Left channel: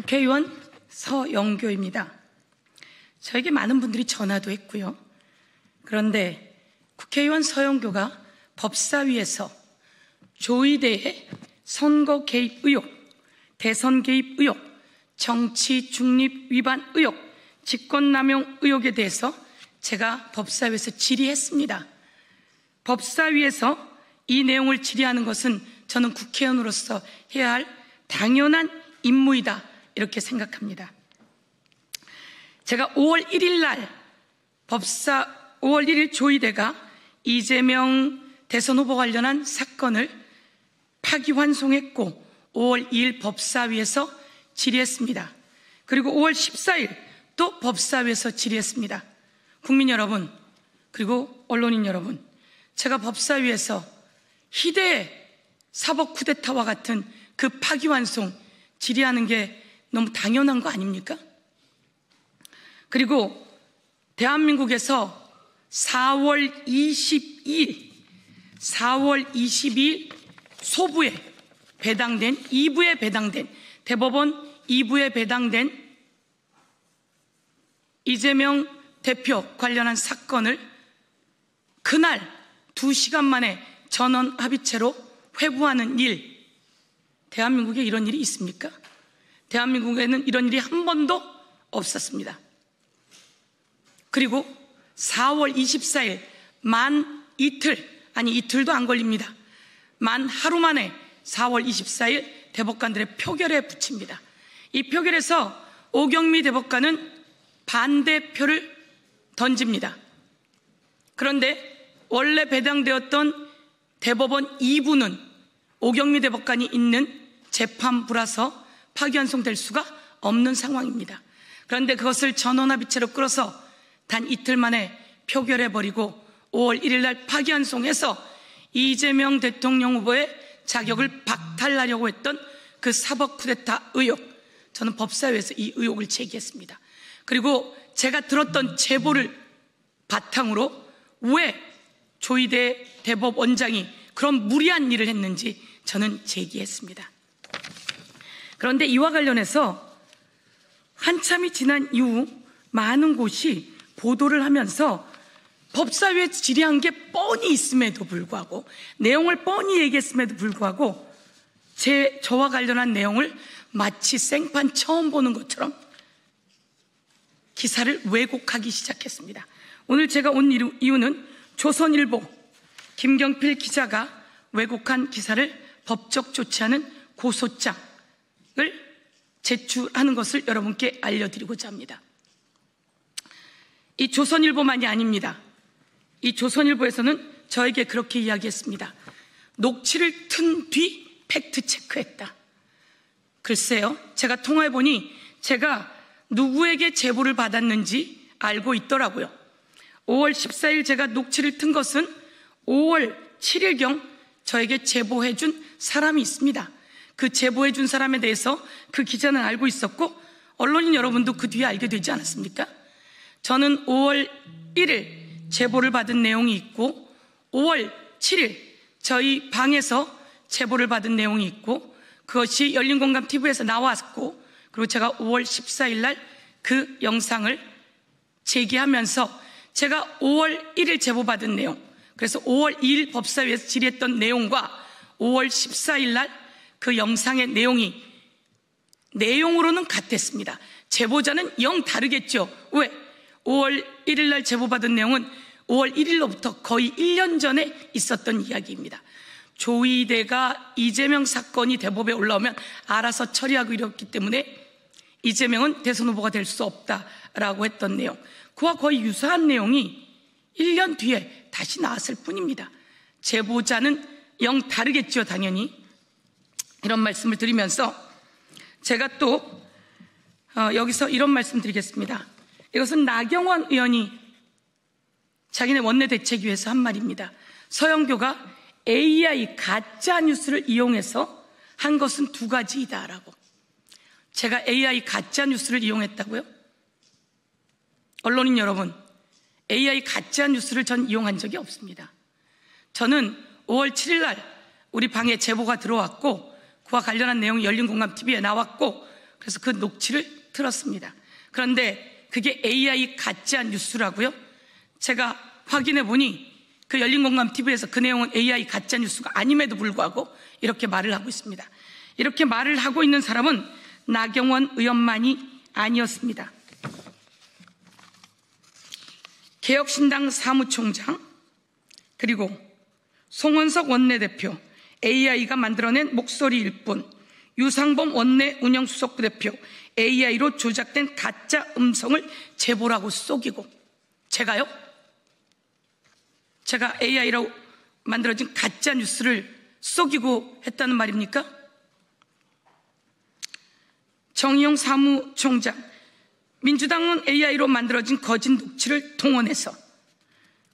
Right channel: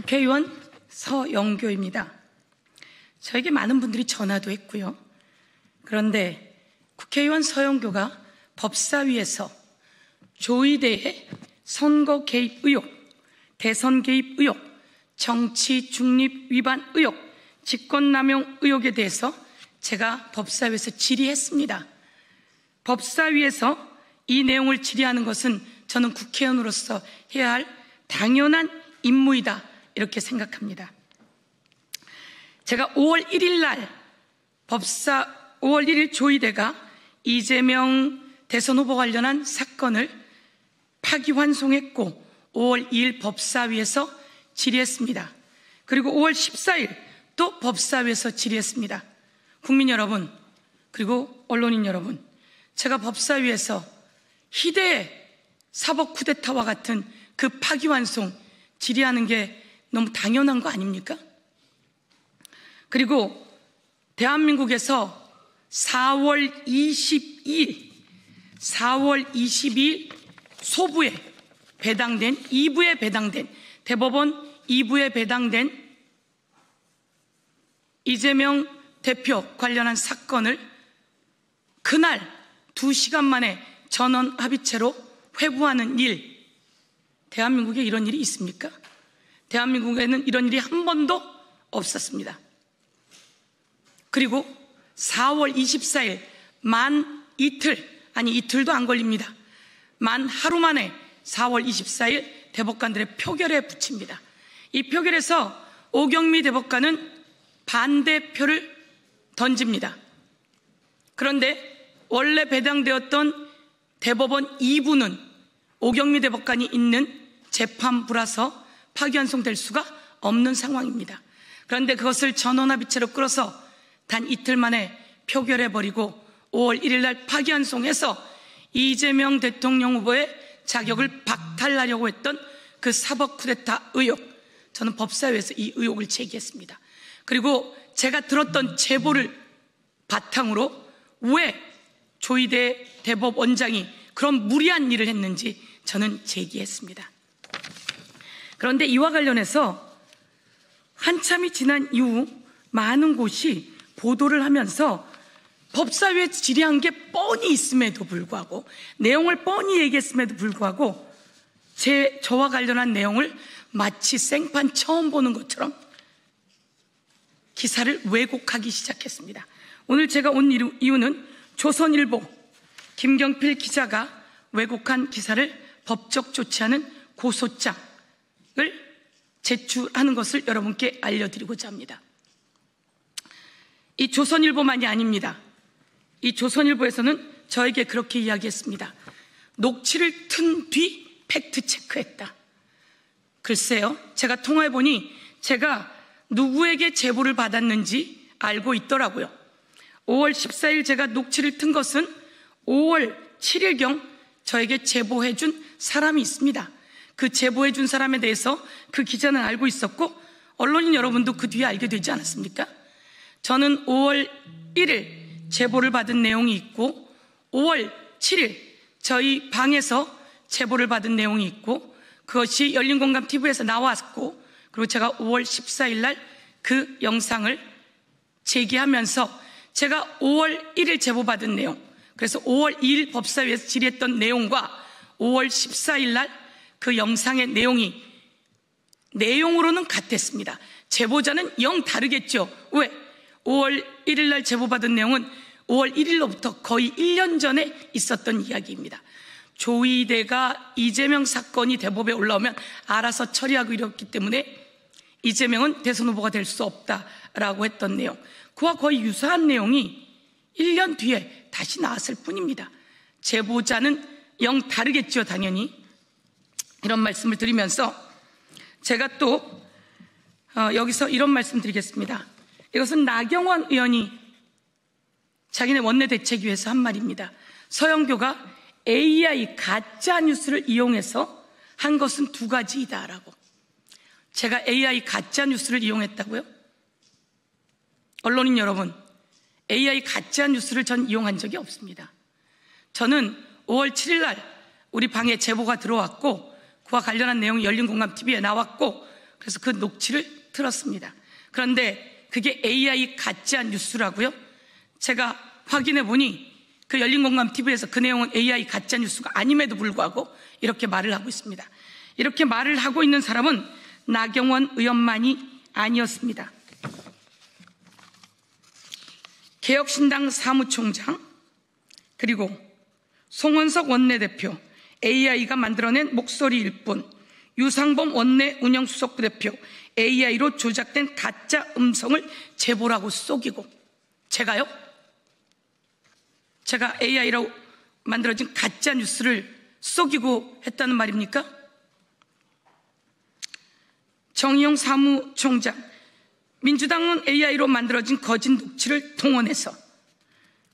국회의원 서영교입니다. 저에게 많은 분들이 전화도 했고요. 그런데 국회의원 서영교가 법사위에서 조의대의 선거 개입 의혹, 대선 개입 의혹, 정치 중립 위반 의혹, 직권남용 의혹에 대해서 제가 법사위에서 질의했습니다. 법사위에서 이 내용을 질의하는 것은 저는 국회의원으로서 해야 할 당연한 임무이다, 이렇게 생각합니다. 제가 5월 1일 날 5월 1일 조의대가 이재명 대선 후보 관련한 사건을 파기환송했고 5월 2일 법사위에서 질의했습니다. 그리고 5월 14일 또 법사위에서 질의했습니다. 국민 여러분, 그리고 언론인 여러분, 제가 법사위에서 희대의 사법 쿠데타와 같은 그 파기환송 질의하는 게 너무 당연한 거 아닙니까? 그리고 대한민국에서 4월 22일 소부에 배당된, 2부에 배당된, 대법원 2부에 배당된 이재명 대표 관련한 사건을 그날 2시간 만에 전원 합의체로 회부하는 일, 대한민국에 이런 일이 있습니까? 대한민국에는 이런 일이 한 번도 없었습니다. 그리고 4월 24일 만 이틀, 아니 이틀도 안 걸립니다. 만 하루 만에 4월 24일 대법관들의 표결에 붙입니다. 이 표결에서 오경미 대법관은 반대표를 던집니다. 그런데 원래 배당되었던 대법원 2부는 오경미 대법관이 있는 재판부라서 파기환송될 수가 없는 상황입니다. 그런데 그것을 전원합의체로 끌어서 단 이틀 만에 표결해버리고 5월 1일 날 파기환송해서 이재명 대통령 후보의 자격을 박탈하려고 했던 그 사법 쿠데타 의혹, 저는 법사위에서 이 의혹을 제기했습니다. 그리고 제가 들었던 제보를 바탕으로 왜 조의대 대법원장이 그런 무리한 일을 했는지 저는 제기했습니다. 그런데 이와 관련해서 한참이 지난 이후 많은 곳이 보도를 하면서 법사위에 질의한 게 뻔히 있음에도 불구하고, 내용을 뻔히 얘기했음에도 불구하고 저와 관련한 내용을 마치 생판 처음 보는 것처럼 기사를 왜곡하기 시작했습니다. 오늘 제가 온 이유는 조선일보 김경필 기자가 왜곡한 기사를 법적 조치하는 고소장을 제출하는 것을 여러분께 알려드리고자 합니다. 이 조선일보만이 아닙니다. 이 조선일보에서는 저에게 그렇게 이야기했습니다. 녹취를 튼 뒤 팩트체크했다. 글쎄요, 제가 통화해보니 제가 누구에게 제보를 받았는지 알고 있더라고요. 5월 14일 제가 녹취를 튼 것은 5월 7일경 저에게 제보해준 사람이 있습니다. 그 제보해준 사람에 대해서 그 기자는 알고 있었고 언론인 여러분도 그 뒤에 알게 되지 않았습니까? 저는 5월 1일 제보를 받은 내용이 있고 5월 7일 저희 방에서 제보를 받은 내용이 있고 그것이 열린공감TV에서 나왔고, 그리고 제가 5월 14일 날 그 영상을 제기하면서 제가 5월 1일 제보받은 내용, 그래서 5월 2일 법사위에서 질의했던 내용과 5월 14일 날 그 영상의 내용으로는 같았습니다. 제보자는 영 다르겠죠. 왜? 5월 1일 날 제보받은 내용은 5월 1일로부터 거의 1년 전에 있었던 이야기입니다. 조의대가 이재명 사건이 대법에 올라오면 알아서 처리하고 이랬기 때문에 이재명은 대선 후보가 될 수 없다라고 했던 내용, 그와 거의 유사한 내용이 1년 뒤에 다시 나왔을 뿐입니다. 제보자는 영 다르겠죠, 당연히. 이런 말씀을 드리면서 제가 또 여기서 이런 말씀 드리겠습니다. 이것은 나경원 의원이 자기네 원내대책위에서 한 말입니다. 서영교가 AI 가짜뉴스를 이용해서 한 것은 두 가지이다라고. 제가 AI 가짜뉴스를 이용했다고요? 언론인 여러분, AI 가짜뉴스를 전 이용한 적이 없습니다. 저는 5월 7일 날 우리 방에 제보가 들어왔고 그와 관련한 내용이 열린공감TV에 나왔고 그래서 그 녹취를 들었습니다. 그런데 그게 AI 가짜 뉴스라고요? 제가 확인해 보니 그 열린공감TV에서 그 내용은 AI 가짜 뉴스가 아님에도 불구하고 이렇게 말을 하고 있습니다. 이렇게 말을 하고 있는 사람은 나경원 의원만이 아니었습니다. 개혁신당 사무총장, 그리고 송원석 원내대표, AI가 만들어낸 목소리일 뿐, 유상범 원내 운영수석 대표, AI로 조작된 가짜 음성을 제보라고 속이고, 제가 AI로 만들어진 가짜 뉴스를 속이고 했다는 말입니까? 정의용 사무총장, 민주당은 AI로 만들어진 거짓 녹취를 동원해서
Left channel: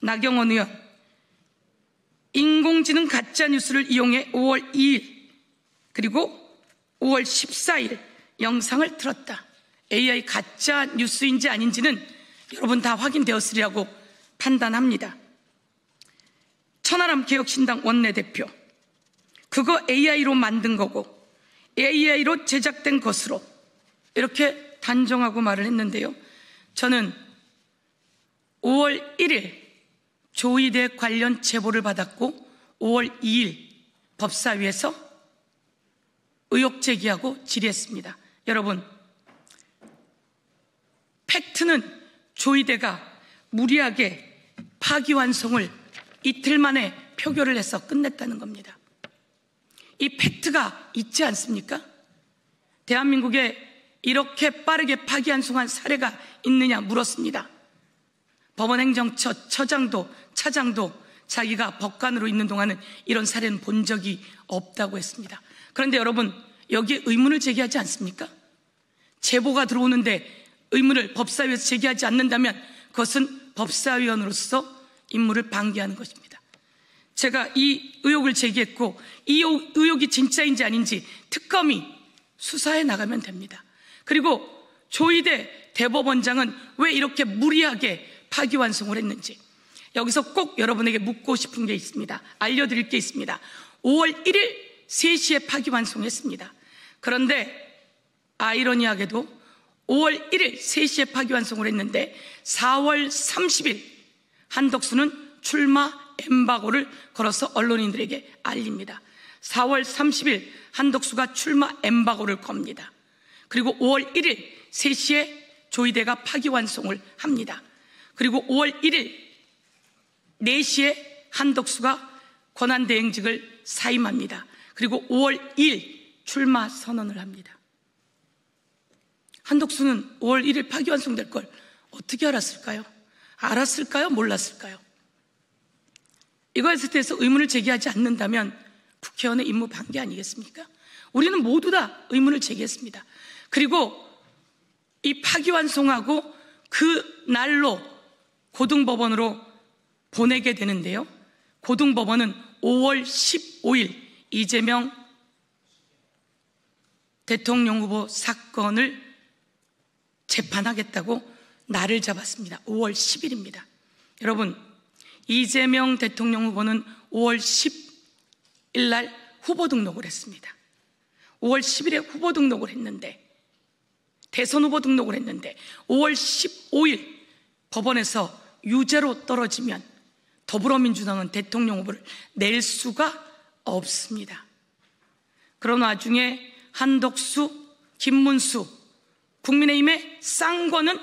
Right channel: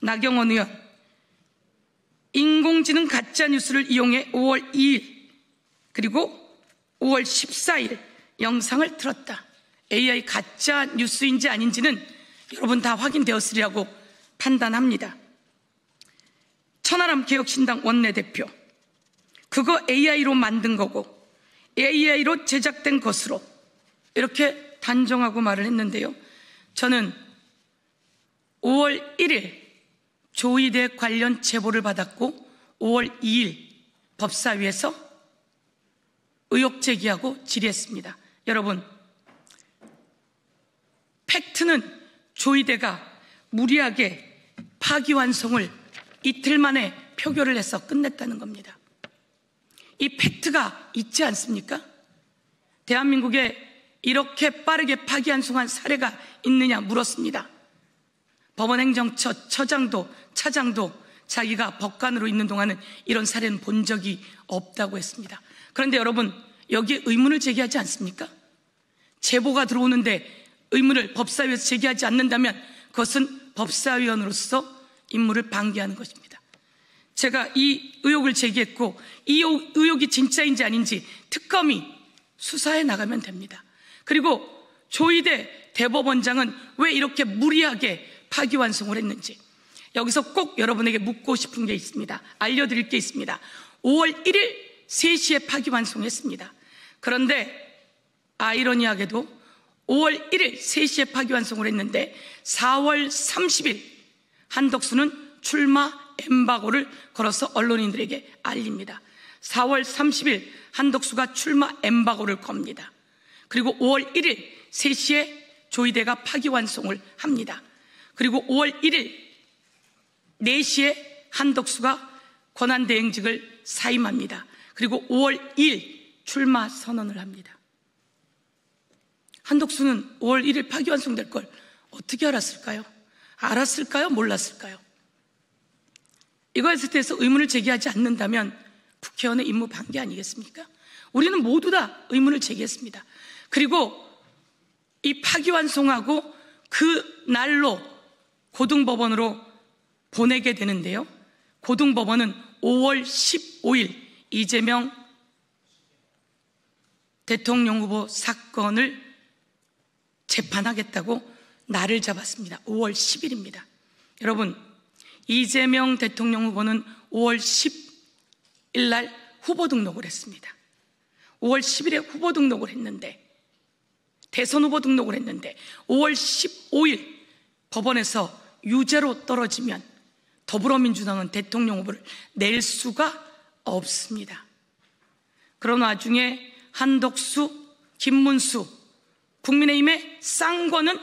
나경원 의원, 인공지능 가짜 뉴스를 이용해 5월 2일 그리고 5월 14일 영상을 틀었다. AI 가짜 뉴스인지 아닌지는 여러분 다 확인되었으리라고 판단합니다. 천하람 개혁신당 원내대표, 그거 AI로 만든 거고 AI로 제작된 것으로 이렇게 단정하고 말을 했는데요. 저는 5월 1일 조이대 관련 제보를 받았고 5월 2일 법사위에서 의혹 제기하고 질의했습니다. 여러분, 팩트는 조이대가 무리하게 파기환송을 이틀 만에 표결을 해서 끝냈다는 겁니다. 이 팩트가 있지 않습니까? 대한민국에 이렇게 빠르게 파기환송한 사례가 있느냐 물었습니다. 법원행정처 처장도 차장도 자기가 법관으로 있는 동안은 이런 사례는 본 적이 없다고 했습니다. 그런데 여러분, 여기에 의문을 제기하지 않습니까? 제보가 들어오는데 의문을 법사위에서 제기하지 않는다면 그것은 법사위원으로서 임무를 방기하는 것입니다. 제가 이 의혹을 제기했고 이 의혹이 진짜인지 아닌지 특검이 수사해 나가면 됩니다. 그리고 조이대 대법원장은 왜 이렇게 무리하게 파기환송을 했는지 여기서 꼭 여러분에게 묻고 싶은 게 있습니다. 알려드릴 게 있습니다. 5월 1일 3시에 파기환송했습니다. 그런데 아이러니하게도 5월 1일 3시에 파기환송을 했는데 4월 30일 한덕수는 출마 엠바고를 걸어서 언론인들에게 알립니다. 4월 30일 한덕수가 출마 엠바고를 겁니다. 그리고 5월 1일 3시에 조이대가 파기환송을 합니다. 그리고 5월 1일 4시에 한덕수가 권한대행직을 사임합니다. 그리고 5월 2일 출마 선언을 합니다. 한덕수는 5월 1일 파기환송될 걸 어떻게 알았을까요? 알았을까요? 몰랐을까요? 이거에 대해서 의문을 제기하지 않는다면 국회의원의 임무 방기 아니겠습니까? 우리는 모두 다 의문을 제기했습니다. 그리고 이 파기환송하고 그 날로 고등법원으로 보내게 되는데요. 고등법원은 5월 15일 이재명 대통령 후보 사건을 재판하겠다고 날을 잡았습니다. 5월 10일입니다. 여러분, 이재명 대통령 후보는 5월 10일 날 후보 등록을 했습니다. 5월 10일에 후보 등록을 했는데, 대선 후보 등록을 했는데 5월 15일 법원에서 유죄로 떨어지면 더불어민주당은 대통령 후보를 낼 수가 없습니다. 그런 와중에 한덕수, 김문수, 국민의힘의 쌍권은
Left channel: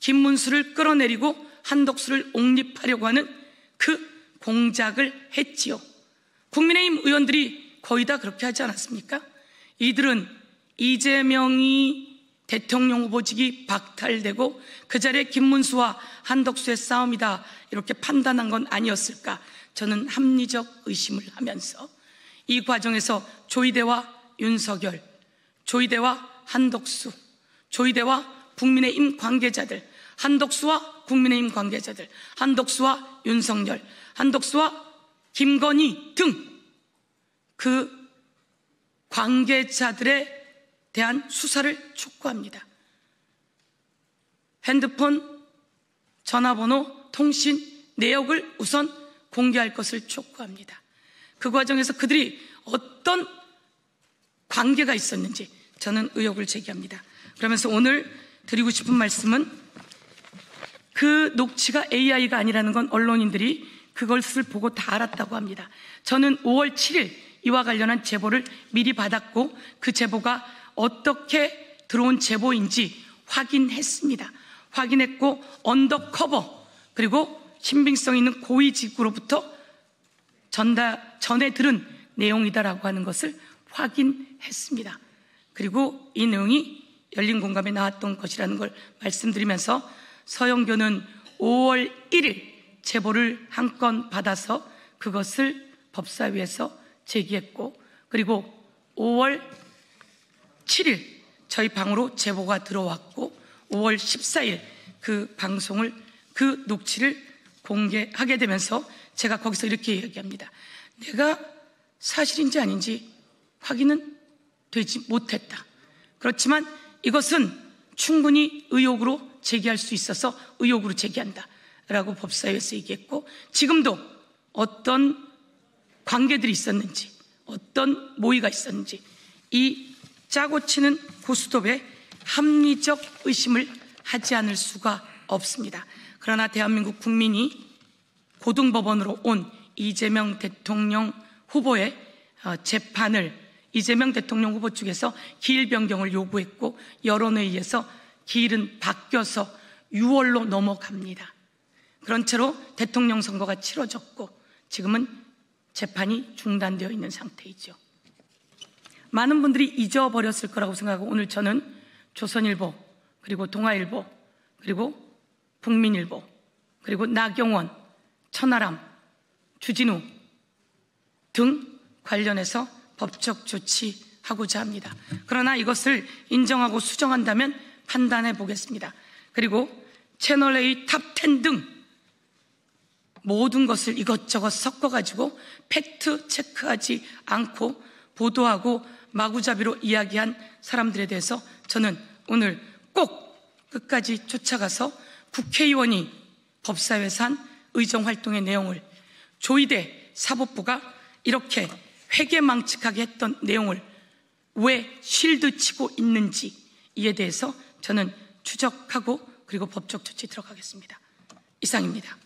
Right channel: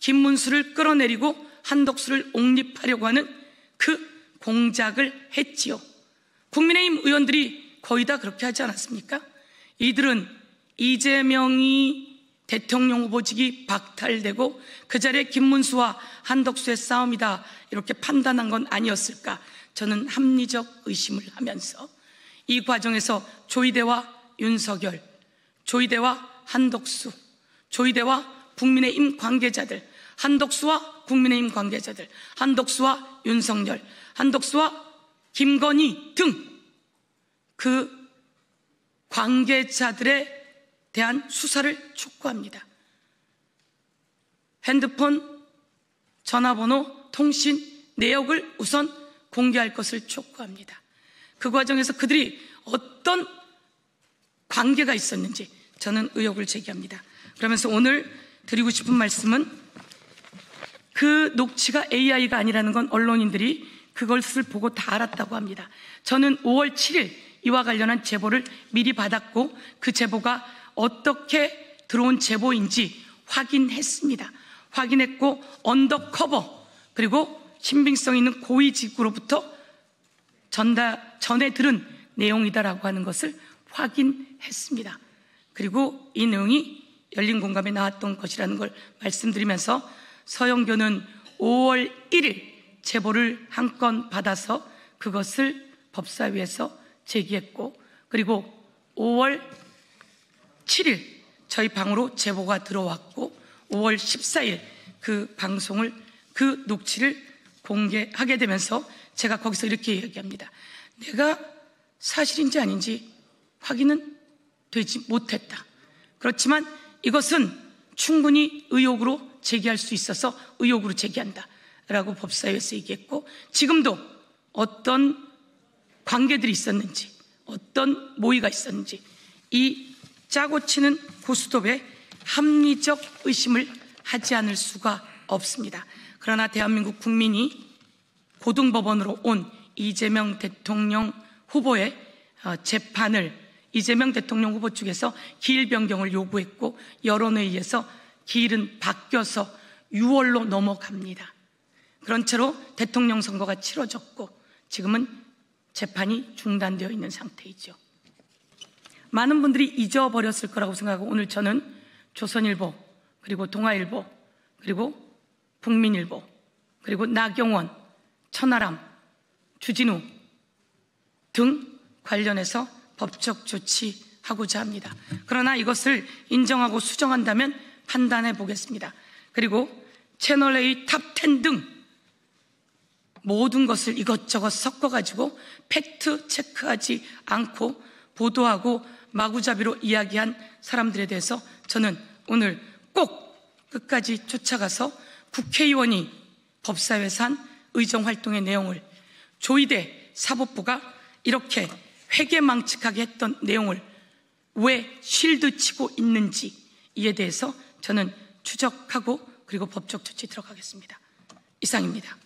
김문수를 끌어내리고 한덕수를 옹립하려고 하는 그 공작을 했지요. 국민의힘 의원들이 거의 다 그렇게 하지 않았습니까? 이들은 이재명이 대통령 후보직이 박탈되고 그 자리에 김문수와 한덕수의 싸움이다 이렇게 판단한 건 아니었을까? 저는 합리적 의심을 하면서 이 과정에서 조이대와 윤석열, 조이대와 한덕수, 조이대와 국민의힘 관계자들, 한덕수와 국민의힘 관계자들, 한덕수와 윤석열, 한덕수와 김건희 등 그 관계자들에 대한 수사를 촉구합니다. 핸드폰, 전화번호, 통신, 내역을 우선 공개할 것을 촉구합니다. 그 과정에서 그들이 어떤 관계가 있었는지 저는 의혹을 제기합니다. 그러면서 오늘 드리고 싶은 말씀은 그 녹취가 AI가 아니라는 건 언론인들이 그것을 보고 다 알았다고 합니다. 저는 5월 7일 이와 관련한 제보를 미리 받았고 그 제보가 어떻게 들어온 제보인지 확인했습니다. 확인했고 언더커버 그리고 신빙성 있는 고위직구로부터 전해 들은 내용이다라고 하는 것을 확인했습니다. 그리고 이 내용이 열린 공감에 나왔던 것이라는 걸 말씀드리면서 서영교는 5월 1일 제보를 한 건 받아서 그것을 법사위에서 제기했고 그리고 5월 7일 저희 방으로 제보가 들어왔고 5월 14일 그 방송을 그 녹취를 공개하게 되면서 제가 거기서 이렇게 이야기합니다. 내가 사실인지 아닌지 확인은 되지 못했다. 그렇지만 이것은 충분히 의혹으로 제기할 수 있어서 의혹으로 제기한다 라고 법사위에서 얘기했고 지금도 어떤 관계들이 있었는지 어떤 모의가 있었는지 이 짜고 치는 고스톱에 합리적 의심을 하지 않을 수가 없습니다. 그러나 대한민국 국민이 고등법원으로 온 이재명 대통령 후보의 재판을 이재명 대통령 후보 측에서 기일 변경을 요구했고 여론에 의해서 기일은 바뀌어서 6월로 넘어갑니다. 그런 채로 대통령 선거가 치러졌고 지금은 재판이 중단되어 있는 상태이죠. 많은 분들이 잊어버렸을 거라고 생각하고 오늘 저는 조선일보 그리고 동아일보 그리고 국민일보 그리고 나경원, 천하람, 주진우 등 관련해서 법적 조치하고자 합니다. 그러나 이것을 인정하고 수정한다면 판단해 보겠습니다. 그리고 채널A 탑10 등 모든 것을 이것저것 섞어가지고 팩트 체크하지 않고 보도하고 마구잡이로 이야기한 사람들에 대해서 저는 오늘 꼭 끝까지 쫓아가서 국회의원이 법사위에서 한 의정활동의 내용을 조이대 사법부가 이렇게 회계망측하게 했던 내용을 왜 쉴드 치고 있는지 이에 대해서 저는 추적하고 그리고 법적 조치 들어가겠습니다. 이상입니다.